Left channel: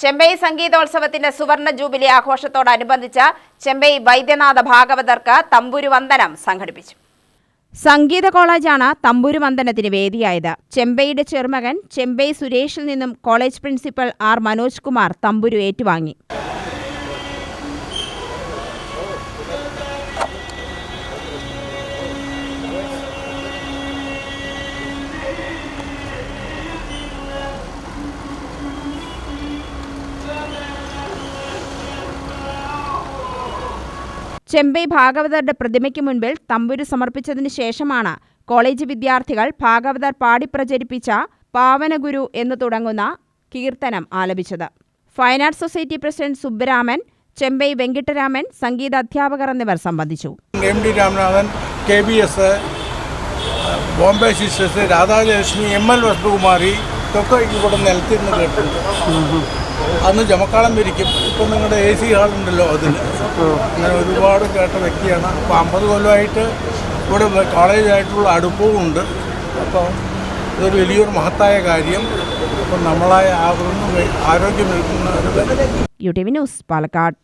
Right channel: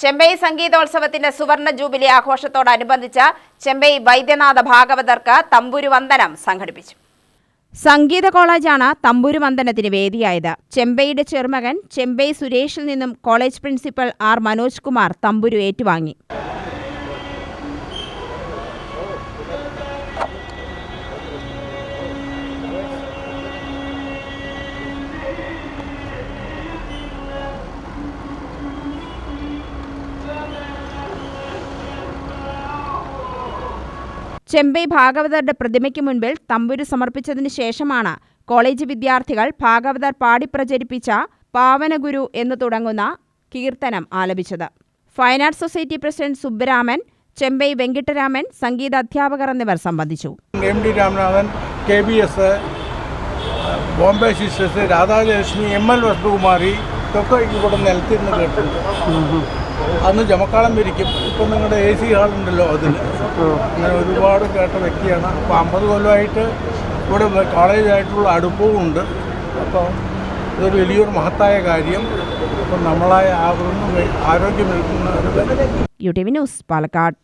ചെമ്പൈ സംഗീതോത്സവത്തിന്റെ സുവർണ ജൂബിലി ആഘോഷത്തോടനുബന്ധിച്ച് ചെമ്പൈ വൈദ്യനാഥ ഭാഗവതർക്ക് തമ്പുരുവന്ദനം സംഘടിപ്പിച്ചു. സംഗീത കോളേജാണ് തമ്പുരുവന്ദനത്തിന് വേദിയായത്. ചെമ്പൈയുടെ ചെറുമകൻ ചെമ്പൈ സുരേഷിൽ നിന്നും college principal R Manoj Kumar തമ്പുരു ഏറ്റുവാങ്ങി. ചെമ്പൈ ഭാഗവതരുടെ പ്രതിമയ്ക്ക് മുൻപിൽ തമ്പുരു സമർപ്പിച്ചതിനു ശേഷമാണ് കോളേജ് വിദ്യാർത്ഥികൾ ഭാഗവതർ പാടി പ്രചരിപ്പിച്ച പാവനഗുരു എന്ന് തുടങ്ങുന്ന കീർത്തനം ആലപിച്ചത്. Fine arts society president Subbaraman, Chembai Venkitaraman, സംഗീത അധ്യാപകർ എന്നിവർ സംബന്ധിച്ചു. M D Ramanathan, KBS, Bombay sisters, Radhalakshmi, ML Vasanthakumari ഇതൊക്കെ ഇവിടെ നിലത്തിരുന്ന് കേട്ടിട്ടുണ്ട്. അന്ന് ജമക്കാളം പിരിക്കും. ഇപ്പം നിങ്ങളുടെ AC ഹാളുണ്ടല്ലോ, അതിൽ അങ്ങനെ ഒരുപാട് കേട്ട വ്യക്തിയാണ്. അപ്പോൾ 50 കൊല്ലമായിട്ട് ഇവിടെ കോളേജായിട്ടുള്ള അടുപ്പവും ഉണ്ട്. അപ്പോൾ ഇതൊരു വലിയൊരു മഹത്തായ കാര്യം. അപ്പം നമ്മളായ ആരോഗ്യം നിൽക്കുന്ന UTV ന്യൂസ്, പാലക്കാട്.